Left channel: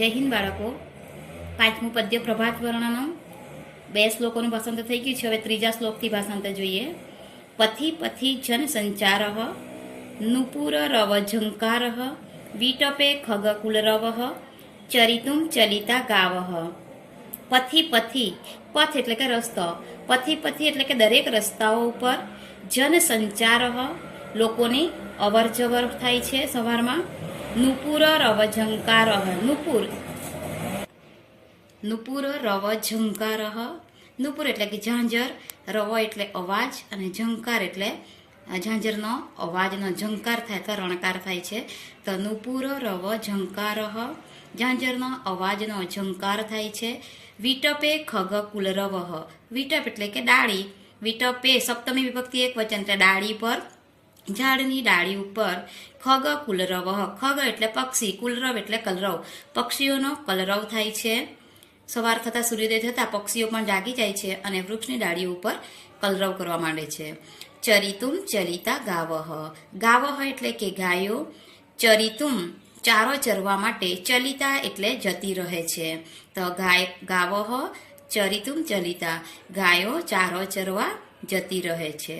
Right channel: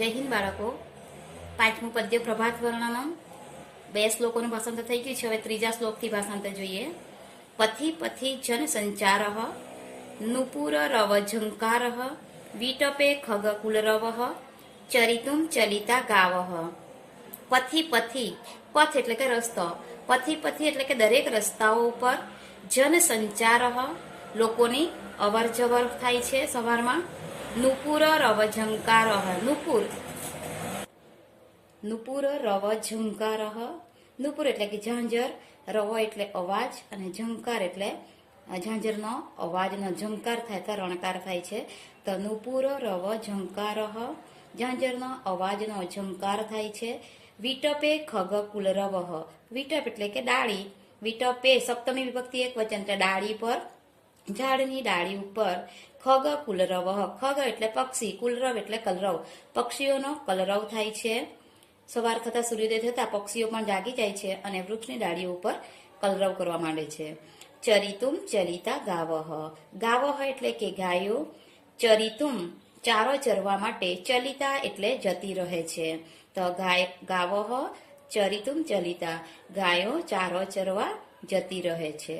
જય હિન્દ બાળકો. પાંચમું પદ્ય પ્રભાત વર્ણનમ 2 શ્લોકોનું ભાષાંતર થઈ ગયું છે. હવે ત્રીજા શ્લોકથી ભાષાંતર જોઈએ. પથી પથી જન સંચાર નુપુર રવ ઝંકાર વિટપે ખગકુલરવ ચરિતુમ ચલિતા ગાવ. પથી પથી, પથ એટલે કે રસ્તો, પથી પથી એટલે કે દરેક રસ્તાઓ ઉપર, જન સંચાર લોકોની અવર જવર થાય છે સવારમાં. નુપુર રવ ઝંકાર, નુપુર રવ ઝંકાર, નુપુર એટલે કે ઝાંઝર, રવ એટલે અવાજ અને ઝંકાર એટલે ઝાંઝરનો અવાજનો ઝંકાર થાય તો રણકાર થાય છે. તો નુપુર રવ ઝંકાર, ઝાંઝરનો અવાજનો ઝંકાર થાય છે. વિટપે ખગ કુલરવ, વિટપ એટલે કે ડાળી, વિટપે સપ્તમી વિભક્તિ એક વચન એટલે ડાળી પર, ઝાડની ડાળી ઉપર. ખગ કુલરવ, ખગ એટલે પક્ષી, કુલરવ એટલે કલરવ, પક્ષીઓનો કલરવ થાય છે. સવાર થતાં સૂર્યોદય થતાં પક્ષીઓ પણ જાગી જાય છે અને વૃક્ષની ડાળીઓ ઉપર કલરવ કરવા માંડે છે. ચરિતુમ ચલિતા ગાવહ, ગાવહ એટલે કે ગાયો, ચરિતુમ ચારો ચરવા માટે, ચલિતા એટલે જતી રહે છે. તો ગાવહ ચરિતુમ ચલિતા, ગાયો ચારો ચરવા જતી રહે છે.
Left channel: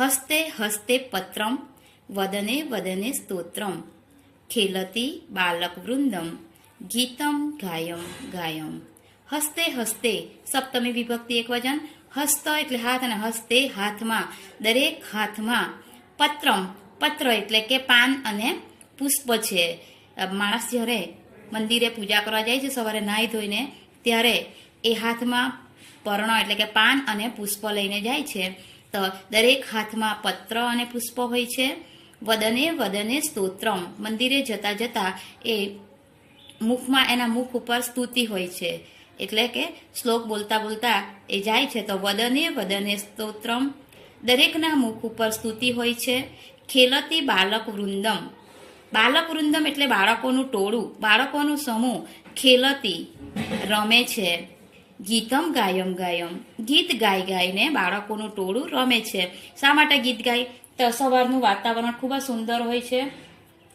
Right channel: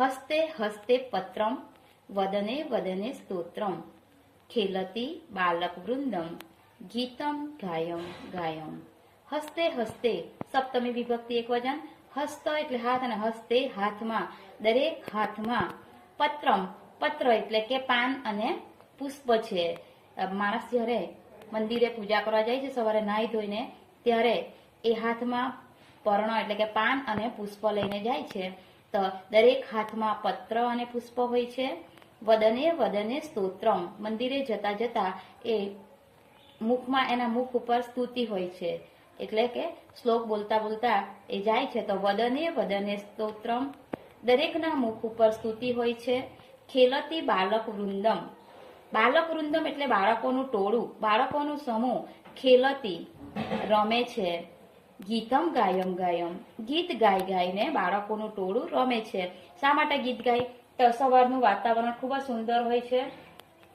હસ્તે હસ્તે પત્રમ વદને વદને સ્તોત્રમ ખેલતી બાલક વૃંદમ ગીતમ ગાયમ ગાયમ. હસ્તે હસ્તે સપ્તમી વિભક્તિ એક વચન, હસ્ત એટલે હાથ અને હસ્તે હાથમાં, દરેક હાથમાં. પત્રમ, પત્ર એટલે કે પાન અને પુષ્પ છે. માણસ જ્યારે મંદિરે પૂજા કરવા જાય છે સવારે નાહી ધોઈને, ત્યારે એ હાથમાં પર્ણ એટલે કે પાન અને પુષ્પ લઈને જાય છે. તો દરેક હાથમાં પત્ર અને પુષ્પ હોય છે. વદને વદને સ્તોત્રમ, મંદિરે જતા જતા એ મુખમાં, એના મુખ ઉપર સ્તુતિ હોય છે, એટલે કે શ્લોક બોલતા બોલતા એ જાય છે. તો વદને વદને સ્તોત્રમ, દરેકના મુખ ઉપર સ્તુતિ હોય છે. ખેલતી બાલક વૃંદમ, બાલક વૃંદમ એટલે બાળકોનું ટોળું, બાળકોનું સમૂહ. ખેલતી રમે છે. ગીતમ ગાયમ ગાયમ, ગીત ગાય ગાયને બાળકોનું ટોળું રમે છે. શા માટે ગીત ગાય? તો સવારનું વાતાવરણ ખૂબ જ સુંદર હોય છે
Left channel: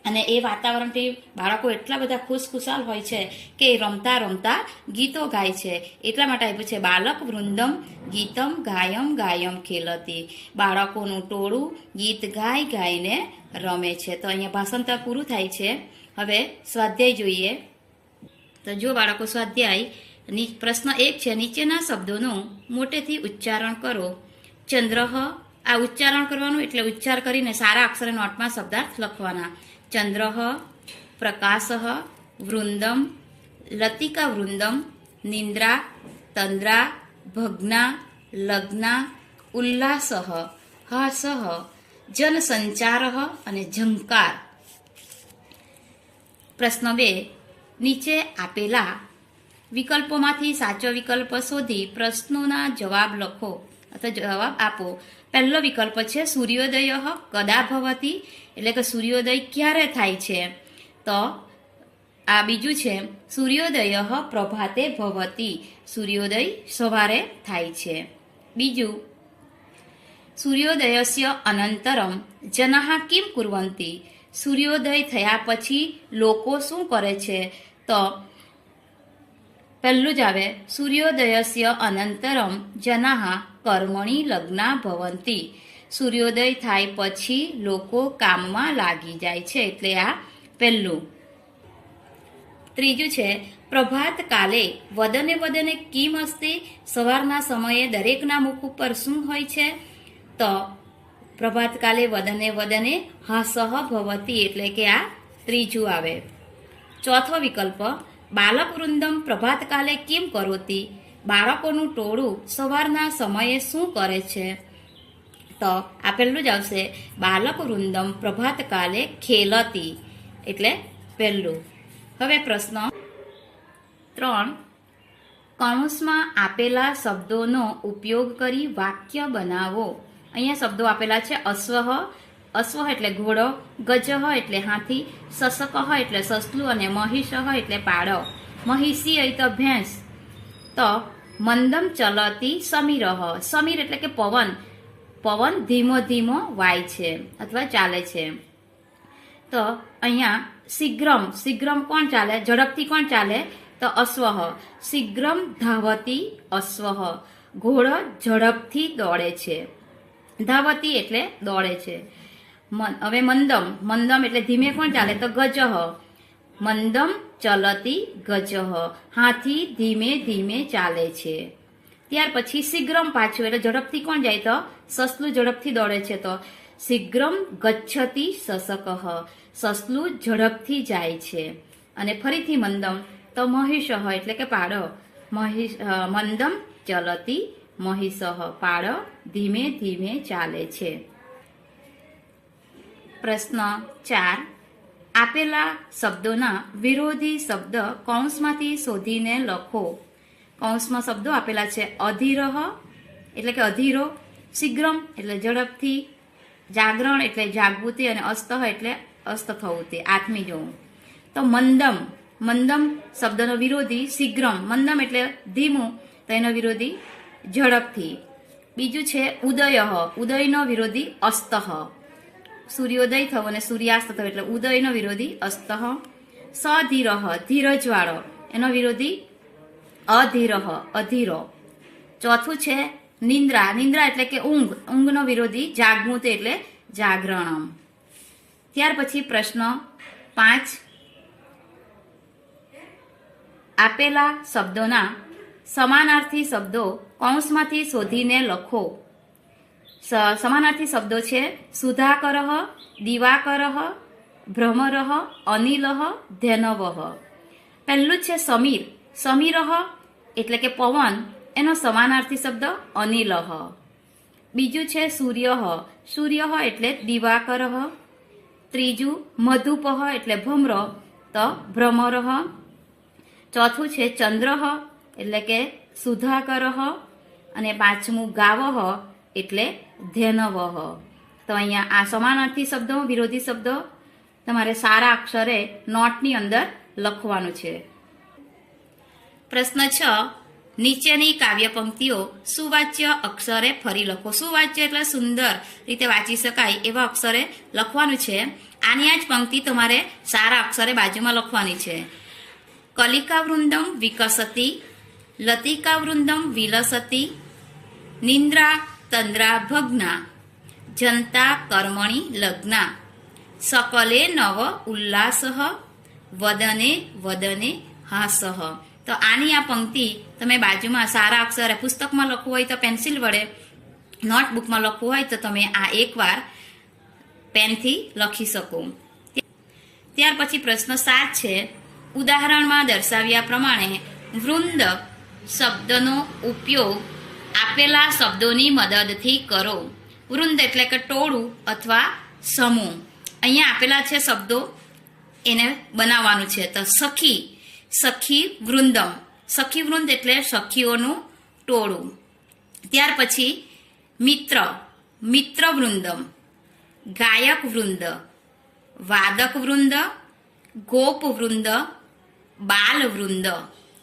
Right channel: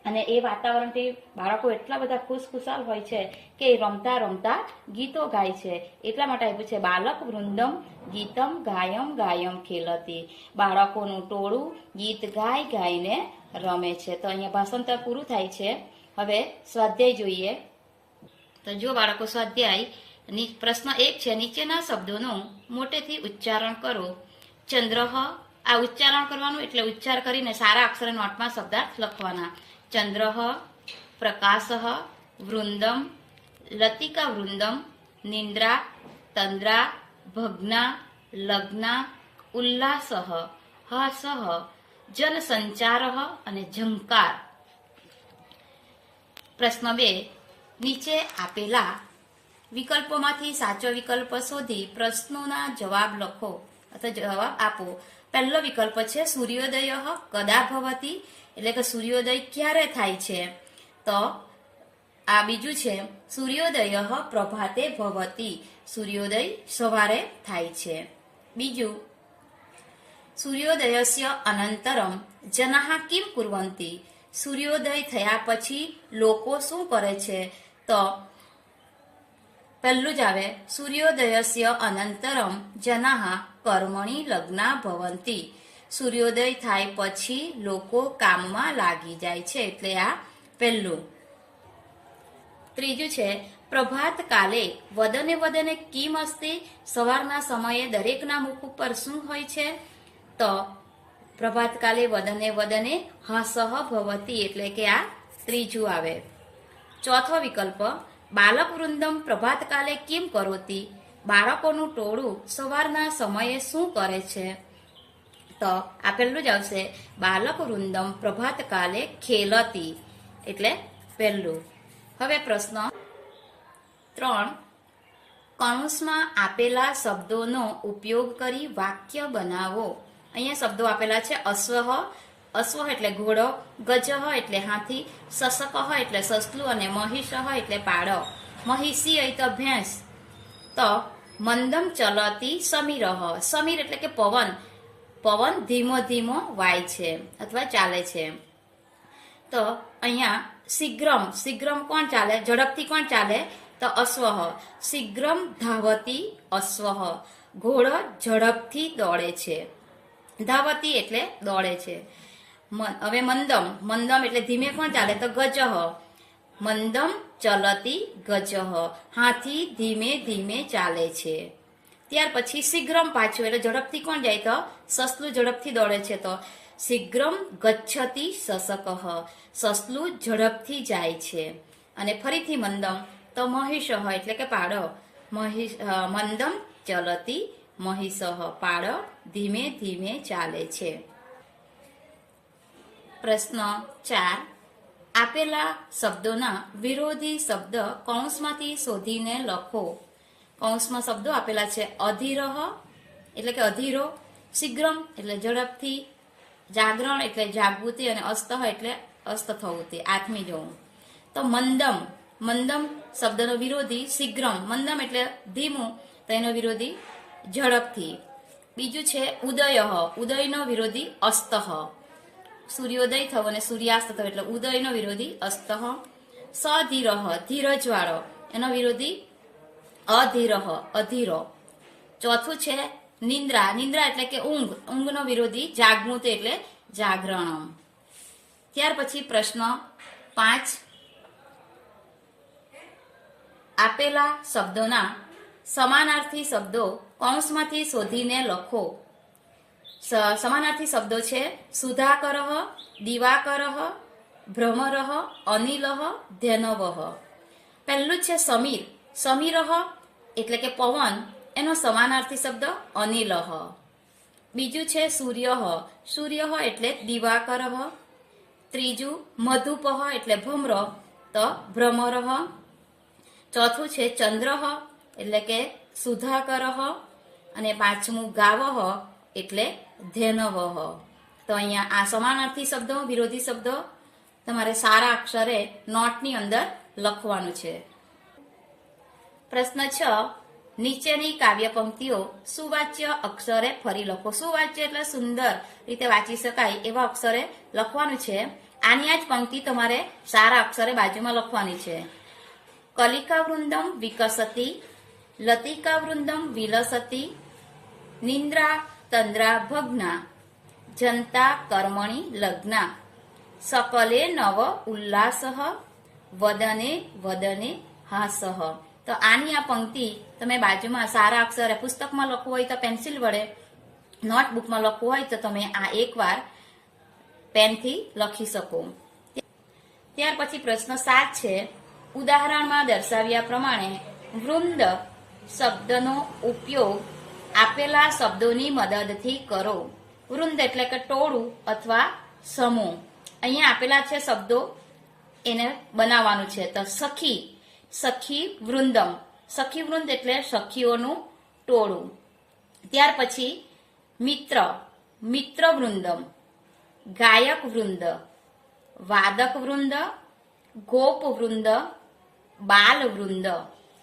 અને એ વાતાવરણથી બાળકો એટલા બધા ખુશખુશાલ હોય છે કે રમતા રમતા ગીતો ગાય છે. એટલા માટે આપ્યું છે બાલક વૃંદમ ગીતમ ગાયમ ગાયમ ખેલતી, બાળકોનું ટોળું ગીત ગાય ગાયને રમે છે. તો અહીંયા ભાષાંતર પૂરું થાય છે. હવે સ્વાધ્યાય જોઈએ. તો જો બાળકો, સ્વાધ્યાય પ્રશ્ન 1 છે, નીચેના શબ્દોનું મોટેથી ઉચ્ચારણ કરો. ચંદ્રહ, આ ઉચ્ચારણ કરવાનું એટલે ઉચ્ચાર કરીને સારા અક્ષરે નોટમાં શબ્દાર્થ લખવાના. ચંદ્રહ, પ્રકાશઃ, વૃંદમ, લતિકા વૃંદમ, નિંદ્રા, તંદ્રા, ભગ્ના, લગ્ના, ઉલ્લાસઃ, હસઃ, જનસંચારઃ અને ઝંકાર. પ્રશ્ન 2, નીચે આપેલા વિકલ્પોમાંથી સાચો વિકલ્પ શોધી પ્રશ્નોના જવાબ લખો અથવા જવાબ આપો. પહેલો વિકલ્પ છે સૂર્યોદય કદા ભવતી, એટલે કે સૂર્યોદય ક્યારે થાય છે. તો આ બીજું છે સૂર્યોદય પ્રભાતે ભવતી, સૂર્યોદય સવારે થાય છે. બીજું, સૂર્યોદયસ્ય અનંતરમ જનાઃ કિમ કુર્વન્તિ, સૂર્યોદય થયા પછી લોકો શું કરે છે. તો પહેલું જ આવે સૂર્યોદયસ્ય અનંતરમ જનાઃ કર્મણિ લગ્ના ભવંતિ, સૂર્યોદય થાય પછી લોકો કામમાં લાગી જાય છે, એટલે આ પહેલું. ત્રીજું છે પ્રભાત કાલે વદને વદને કિમ અસ્તિ, સવારના સમયે દરેકના મુખ ઉપર શું હોય છે. તો પ્રભાત કાલે વદને વદને હસઃ ભવતી, એટલે કે આ ત્રીજું આવે. ચોથો વિકલ્પ બાલક વૃંદમ પ્રભાત કાલે કિમ કરોતી, બાળકોનું ટોળું સવારના સમયે શું કરે છે. તો આ પહેલું જ આવશે બાલક વૃંદમ પ્રભાત કાલે ખેલતી, એટલે પહેલું. હવે પ્રશ્ન 3, કૌંસમાં આપેલા શબ્દોનો ઉપયોગ કરી વાક્ય બનાવો. અહીંયા શબ્દો આપેલા છે અશ્વઃ, અશ્વ એટલે ઘોડો, ગજઃ એટલે હાથી, સસકઃ એટલે સસલું અને મહિષઃ એટલે પાડો. મહિષી તો ભેંસ. તો મંદમ ચલતી સમીરઃ, સમીર એટલે કે પવન, પવન ધીમો ધીમો વાય છે અથવા ચાલે છે. તો અહીંયા શીઘ્રમ શીઘ્રમ કોણ ચાલે, ઝડપથી કોણ ચાલે? તો અશ્વઃ. શીઘ્રમ ધાવતી અશ્વઃ. ઘોડો ઝડપથી દોડે છે. ધાવતી એટલે દોડે છે. હવે મંદમ મંદમ એટલે ધીમે કોણ ચાલે? તો ગજઃ. મંદમ ચલતી ગજઃ. હાથી ધીમે ધીમે ચાલે છે. ત્યાર પછી શીઘ્રમ પાછું એટલે ઝડપથી કોણ જાય? તો સસલું ઝડપથી દોડે છે. તો શીઘ્રમ ગચ્છતી સસકઃ. સસલું ઝડપથી જાય છે. અને ફરીથી મંદમ તો મહિષઃ એટલે કે પાડો. મંદમ ચલતી મહિષઃ. પાડો ધીમે ધીમે ચાલે છે. પ્રશ્ન 4. આપેલા શબ્દોના વિરોધી શબ્દ કૌંસમાંથી શોધીને લખો. કૌંસમાં શબ્દો આપેલા છે. અધીરઃ એટલે કે અધીરો, શીઘ્રમ એટલે ઝડપથી, જાગરણ એટલે જાગૃતિ, અને અસ્તઃ એટલે અસ્ત થવું, તે આથમી જવું. તો મંદમ મંદમ શબ્દનો વિરોધી શીઘ્રમ. મંદમ એટલે ધીમું, તો એનો વિરોધી ઝડપથી. બીજું છે ઉદયઃ. ઉદયનો વિરોધી અસ્તઃ. સૂર્યોદય થવો અને સૂર્યાસ્ત થવો એટલે ઉદયનો વિરોધી અસ્તઃ. સધીરઃ ધીરજવાળો, એનો વિરોધી અધીરઃ અધીરો. ચોથું છે નિંદ્રા. નિંદ્રા એટલે કે ઊંઘ. ઊંઘનો વિરોધી જાગૃત એટલે જાગરણમ. ત્યાર પછી પ્રશ્ન 5. આપેલા શબ્દોના સમાનાર્થી શબ્દો કૌંસમાંથી શોધીને લખો. સમાનાર્થી શબ્દો છે સુધાકરઃ, દિવાકરઃ, ભ્રમરઃ, અનિલઃ, ધેનવઃ. પહેલું છે સમીર. સમીરઃ એટલે કે પવન, એનો સમાનાર્થી શબ્દ અનિલઃ. બીજું છે સૂર્યઃ. સૂર્યઃ એટલે દિવાકરઃ. ત્રીજું મધુપઃ એટલે ભ્રમર, તો ભ્રમરઃ. ચોથું છે ચંદ્રઃ એટલે કે સુધાકરઃ. અને પાંચમું ગાવઃ એટલે ધેનવઃ. તો અહીંયા આ સમાનાર્થી શબ્દો, વિરોધી શબ્દો તમારે સારા અક્ષરે નોટની અંદર લખવાનું છે. પ્રશ્ન 6. નીચેની કાવ્ય પંક્તિઓ સુવાચ્ય અક્ષરે ફરી લખો. સુવાચ્ય એટલે સુંદર રીતે વાંચી શકાય એવા અક્ષરે લખવાનું છે. આની આ જ પંક્તિ તમારે સારા અક્ષરે બાજુમાં લખવાની છે. કલિકા વૃંદમ વિકસતી, લતિકા વૃંદમ વિલસતી, નિંદ્રા તંદ્રા ભગ્ના, જનતા કર્મણિ લગ્ના, સકલે નવ ઉલ્લાસઃ, વદને વદને હાસઃ. તો આની આ પંક્તિ તમે બાજુમાં સારા અક્ષરે પુસ્તકમાં લખવું હોય તો પેન્સિલ વડે, નોટબુકમાં લખવું હોય તો તમે આ એકવાર પેનથી લખી શકો. ત્યાર પછી પ્રશ્ન 7 છે. ઉદાહરણમાં દર્શાવ્યા પ્રમાણે વૃંદ શબ્દનો ઉપયોગ આપેલા શબ્દોની મદદથી કરો. વૃંદ એટલે કે ટોળું અથવા સમૂહ. અહીંયા આપેલા છે શબ્દો, એને બનાવવાનું છે. તો સખી, સખી વૃંદમ. સખી વૃંદ એટલે સખીઓનું ટોળું. ત્યાર પછી મિત્ર, મિત્ર વૃંદમ. ગાયક વૃંદ, વાદક વૃંદ, ગોપ વૃંદ, બાલ વૃંદ.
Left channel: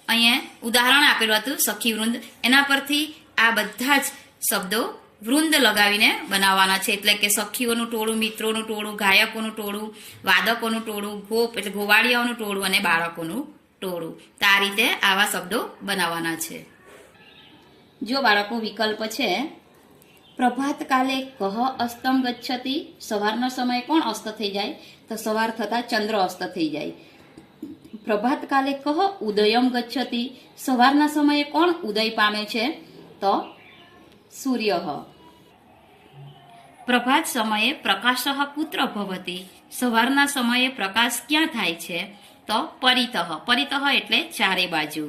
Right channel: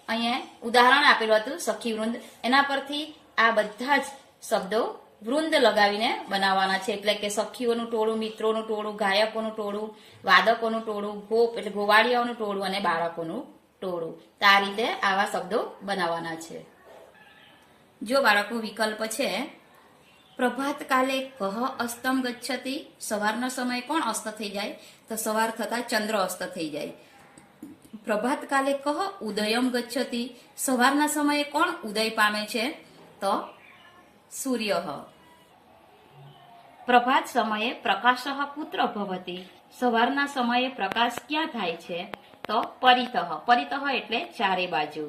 અહીંયા ઉદાહરણ આપેલું હતું સખી વૃંદ, એના પરથી આ બધા જ શબ્દો વૃંદ લગાવીને બનાવવાના છે. એટલે કે સખીઓનું ટોળું, મિત્રોનું ટોળું, ગાયકોનું ટોળું, વાદકોનું ટોળું, ગોપ એટલે ગોવાળિયાઓનું ટોળું, અને બાળકોનું ટોળું. તો આ રીતે આવા શબ્દો બનાવવાના છે. જો બાળકો વિકલ્પ છે. પ્રભાત કાલે કહ અસ્તમ ગચ્છતિ. સવારના સમયે કોણ અસ્ત થઈ જાય? તો સવાર થતા ચંદ્ર અસ્ત થઈ જાય. પ્રભાત કાલે કહ ઉદયમ ગચ્છતિ. સવારના સમયે કોણ ઉદય પામે છે? તો સૂર્ય. પ્રભાત સમયે પ્રકાશઃ કુત્ર ભવતિ. સવારના સમયે પ્રકાશ ક્યાં થાય છે? તો પરિતઃ. પરિતઃ એટલે ચારે બાજુ.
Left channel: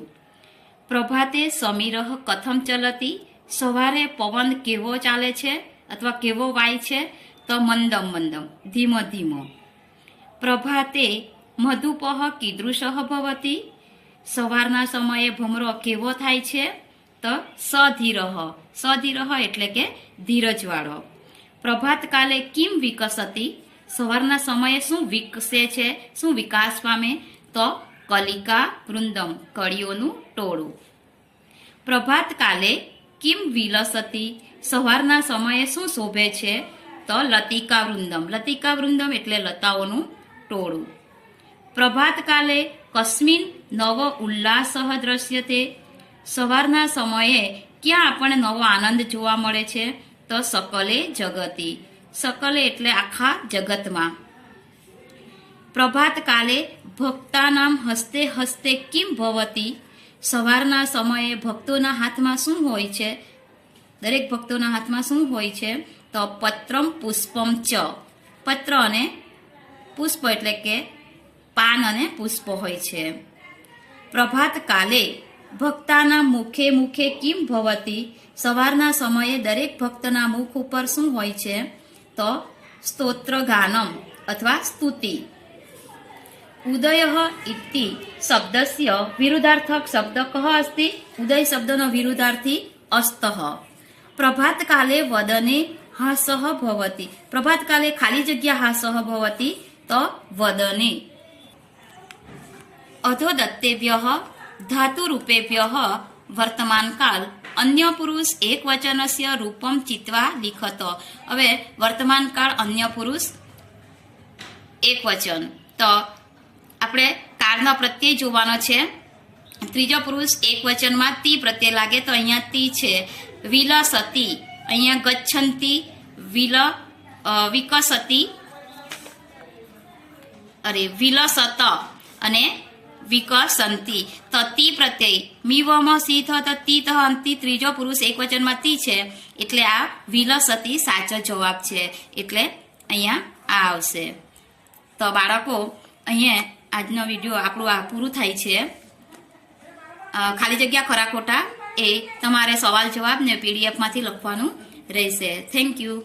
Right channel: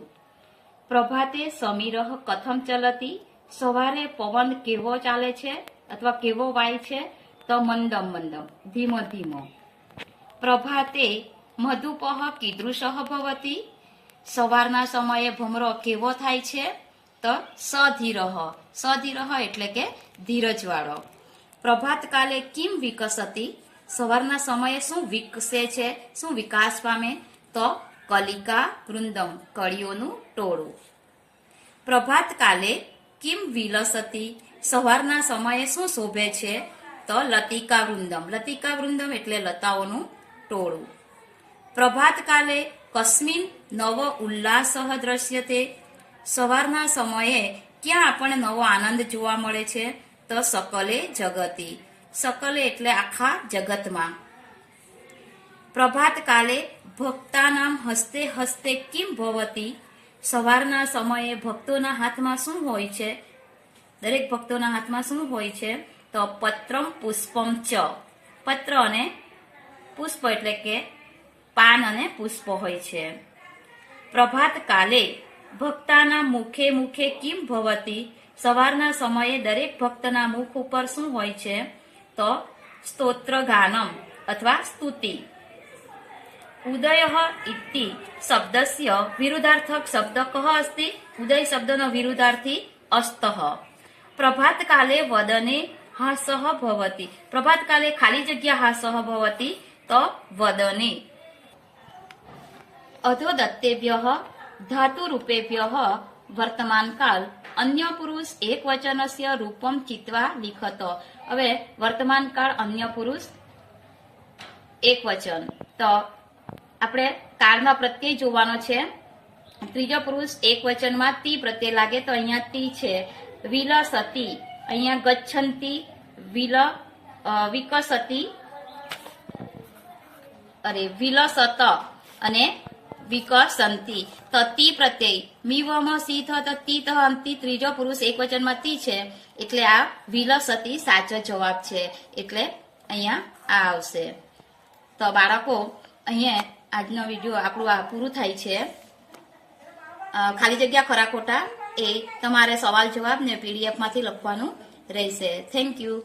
પ્રભાતે સમીરઃ કથમ ચલતી. સવારે પવન કેવો ચાલે છે અથવા કેવો વાય છે? તો મંદમ મંદમ, ધીમો ધીમો. પ્રભાતે મધુપઃ કીદૃશઃ ભવતિ. સવારના સમયે ભમરો કેવો થાય છે? તો સધીરઃ. સધીરઃ એટલે કે ધીરજવાળો. પ્રભાત કાલે કિમ વિકસતી. સવારના સમયે શું વિકસે છે, શું વિકાસ પામે? તો કલિકા વૃંદમ, કળીઓનું ટોળું. પ્રભાત કાલે કિમ વિલસતી. સવારના સમયે શું શોભે છે? તો લતિકા વૃંદમ. લતિકા વૃંદમ એટલે લતાઓનું ટોળું. પ્રભાતકાલે કસ્મિન નવ ઉલ્લાસઃ દ્રશ્યતે. સવારના સમયે ક્યાં આપણને નવો આનંદ જોવા મળે છે? તો સકલે જગતિ. સકલે એટલે આખા જગતમાં. પ્રભાતકાલે ભક્તાનામ હસ્તે હસ્તે કિમ ભવતી. સવારના સમયે ભક્તોના હાથમાં શું હોય છે? દરેક ભક્તોના હાથમાં શું હોય છે? તો પત્રમ પુષ્પમ ચ. પત્ર અને પુષ્પ એટલે કે પાન અને પુષ્પ હોય છે. પ્રભાતકાલે ભક્તાના મુખે મુખે કિમ ભવતી. સવારના સમયે દરેક ભક્તના મુખ ઉપર શું હોય છે? તો સ્તોત્ર ગાનમ અથવા સ્તુતિ. ઉદય ઇતિ શબ્દસ્ય વિરુદ્ધાર્થક શબ્દ કહ અસ્તિ? ઉદય શબ્દનો વિરુદ્ધાર્થી અસ્તઃ. પ્રભાતકાલે વદને હાસઃ ભવતી. પ્રભાતકાલે ખાલી જગ્યા હાસઃ ભવતી તો વદને. અધોદત્તેભ્યઃ ધાતુરૂપેભ્યઃ વર્તમાનકાલ અન્ય પુરુષ એક વચનસ્ય રૂપમ ચિત્વા લિખત. હવે વર્તમાનકાળ અન્ય પુરુષ એક વચન. તો આપણે કાળનો પ્રત્યય જોવાનો છે. ત્રીજો પુરુષ એક વચનમાં તી પ્રત્યય લાગે તો અહીંયા તી છે. વિલસતી, અહીંયા ગચ્છંતી, વિકસતી, વિલસત અને વિકસંતી. તો તી પ્રત્યય મીવમાં સી થ તી ત અંતિ. ત્રીજો પુરુષ એક વચનમાં તી છે એટલે આ વિલસતી સાચો જવાબ છે. એટલે અહીંયા આ આવશે. તો બાળકો, અહીંયા આજનો વિડીયો આપણું આ પૂરું થાય છે. ખાલી જગ્યા ખરા ખોટા એ તમારે સવાલ જવાબ ને પીડીએફમાંથી લખવાનું રહેશે. Thank you.